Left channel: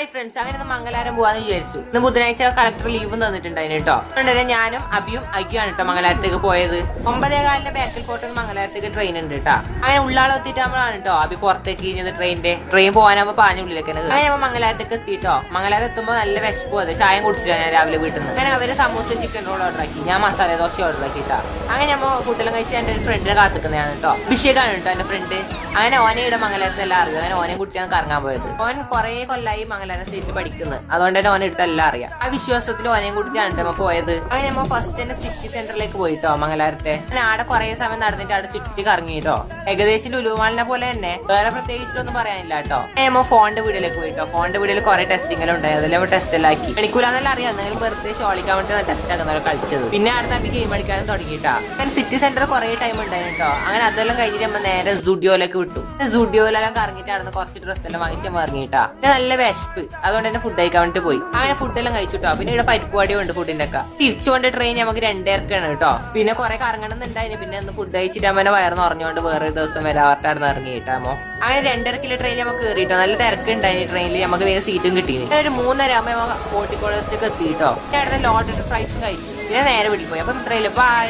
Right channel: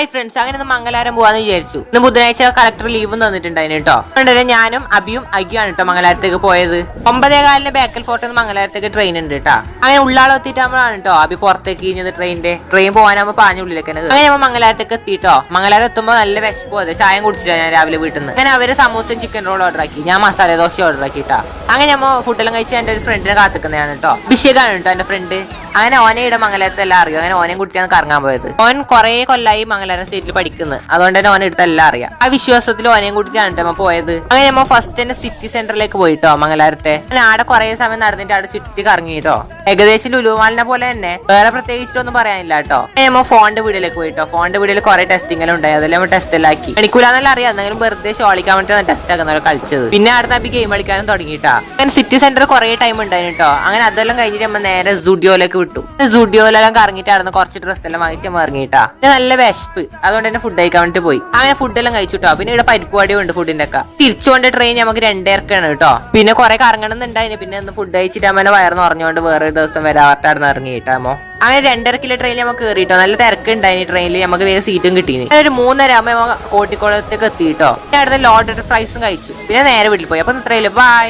Hi friends, അങ്ങനെ മംഗലാരം പോവാന്ന് വിചാരിച്ചു. ഇന്ന് ബുധനാഴ്ച കളക്ടർ ലീവ് തന്നിട്ടുണ്ടായിരുന്നു കേട്ടോ. അതുകൊണ്ട് ഞാനും അബിയും അയ്യാണ് കേട്ടോ മംഗലാരത്തേക്ക് പോയത്. 9:15 ബേക്കൽ ഫോർട്ട് മംഗലാരത്തേക്ക് ട്രെയിൻ ഉണ്ട് കേട്ടോ. അങ്ങനെ ഉള്ളാളെത്തിയിട്ടാകുമ്പോഴാണ് കേട്ടോ അബി പുറത്തേക്ക് ഇരിഞ്ഞത്. ട്രെയിൻ പോകാനാകുമ്പോൾ പാഞ്ഞുള്ളിലേക്ക് അങ്ങനെ നമ്മൾ മംഗലാരത്തേക്ക് എത്തിയിട്ടോ. മംഗലാരം എത്തുമ്പോൾ നല്ല വിശപ്പ് പോലെ ചായ കുടിച്ചില്ല ഞാൻ രാവിലെ വീട്ടിൽ നിന്ന്. അങ്ങനെ അവര് സമൂസയും ചിക്കൻ റോൾ ഓർഡർ ആക്കി, ഞാൻ മസാല ദോശ ഓർഡർ ആക്കിട്ടാ. അങ്ങനെ നമ്മൾ ഫുഡെല്ലാം കഴിച്ച് എന്റെ ഒരു ഫ്രണ്ടിനെ കാത്തിക്കുന്നതാണ് കേട്ടോ. അഭിഷേകാണ് കേട്ടോ എന്റെ ഫ്രണ്ട്. അങ്ങനെ ഓനെ ഇവിടെ മംഗലാരത്തെല്ലാം അറിയാം. അങ്ങനെ ഓനെയും കുടിച്ചാണ് കറങ്ങാൻ പോയത്. ഓൻ കുറെ കൊല്ലായി മംഗലാരം സ്റ്റേറ്റിൽ പഠിക്കുന്നത്, അതുകൊണ്ട് തന്നെ ഓനെ എടുത്തെല്ലാം അറിയാം. ആ വിശ്വാസത്തിൽ ഓനെയും കുടിച്ചാണ് നമ്മ പോയത്. അങ്ങനെ നമ്മ ഫസ്റ്റ് തന്നെ സിറ്റി സെന്ററിലേക്ക് പോയിട്ടോ മംഗലാരത്തെ. അങ്ങനെ ആടെ കുറെ സമയം നടന്നിട്ട് അവിടെ ചുറ്റി കറങ്ങിട്ടോ. ഏകദേശം ലുലുമാലിനെ പോലെ തന്നെ, വേറെ പ്രത്യേകിച്ചൊന്നും പറയാനില്ല കേട്ടോ. നമ്മ ഫോണിന്റെ വീഡിയോയിലേക്ക് പോയിട്ടോ. ഫോണിന്റെ വീഡിയോയിൽ കുറെ ടെസ്റ്റിംഗെല്ലാം ഉണ്ടായി, അതെല്ലാം ടെസ്റ്റ് എല്ലാം ആക്കി. കളിക്കൂലെന്നെല്ലാം അറിയാം, എന്തെങ്കിലും വെറുതെ ഷോളിക്കാൻ വേണ്ടി ടെസ്റ്റ് ആക്കുന്നവരെ കളിച്ചത്. പിന്നെ അടുത്ത അബി ഗെയിം കളിക്കാനും തുടങ്ങിയിട്ടാ. അങ്ങനെ സിറ്റി സെന്റർ കുറെ ടൈം ഉണ്ടായിരുന്നു കേട്ടോ. അങ്ങനെ അതെല്ലാം കഴിഞ്ഞിട്ട് നമ്മൾ നേരെ സുഡിയോയിലേക്ക് വിട്ടു. സുഡിയോയിലെല്ലാം കറങ്ങിയിട്ട് അവിടെ കുറച്ച് ഡ്രസ്സ് എല്ലാം വാങ്ങിച്ച് ഇറങ്ങിയിട്ടാ. നല്ല വിശപ്പ്, അതുകൊണ്ട് തന്നെ ഫുഡ് കഴിക്കാൻ വേണ്ടി പോയി. അങ്ങനെ ഫുഡെല്ലാം കഴിച്ചിട്ടോ. പിന്നെ ഇവിടെ പരിപ്പുവാടിയും ഉണ്ട് ഫുഡിന്റെ ഒക്കെ. തിരിച്ചുകൊണ്ട് ട്രെയിൻ നമുക്ക് 2:30 കേട്ടോ. പിന്നെ കുറെ കറങ്ങണമെന്നുണ്ടായിരുന്നു. പിന്നെ ഒന്ന് ഫുഡ് കഴിച്ചിട്ട് അമ്മനെ വയർന്ന് പറഞ്ഞുകൊണ്ട് വേറെ ദിവസം വരാട്ടായിരുന്നു ഇറങ്ങിയിട്ടാമോ. അങ്ങനെ 2:30 ട്രെയിനിൽ നമുക്ക് കയറിയിട്ടോ. നല്ല തിരക്ക് ഉണ്ടായിരുന്നു ട്രെയിനിൽ. നമുക്ക് വേറെ സീറ്റും കിട്ടീന്. ഒരു 3:30 ആകുമ്പോൾ കോട്ടിക്കുളത്തേക്ക് എത്തിയിട്ടോ. പിന്നെ അടുത്ത ലോഡഡ് ഫ്രൈസും കഴിച്ചു. പിന്നെ നേരെ വീട്ടിൽ പോയി. അപ്പൊ ഇത്രയില്ല, ബൈ.